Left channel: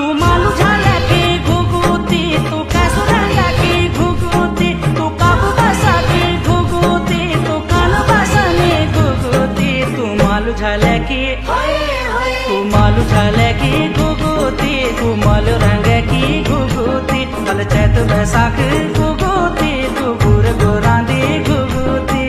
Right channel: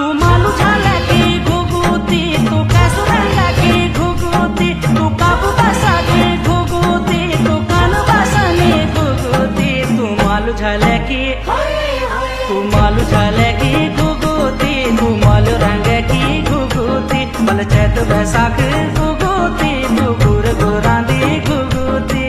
तू मालू झाला की घुगुती, तू कैसो रंगा की घुगुती, तू काबू बसा की घुगुती, तू कान बसानी घुगुती, तू मालू झाला की, तू मालू झाला की घुगुती, तू मालू रंग की घुगुती, बल चैत बैसाख घुगुती, तू गुर गुरांदी घुगुती।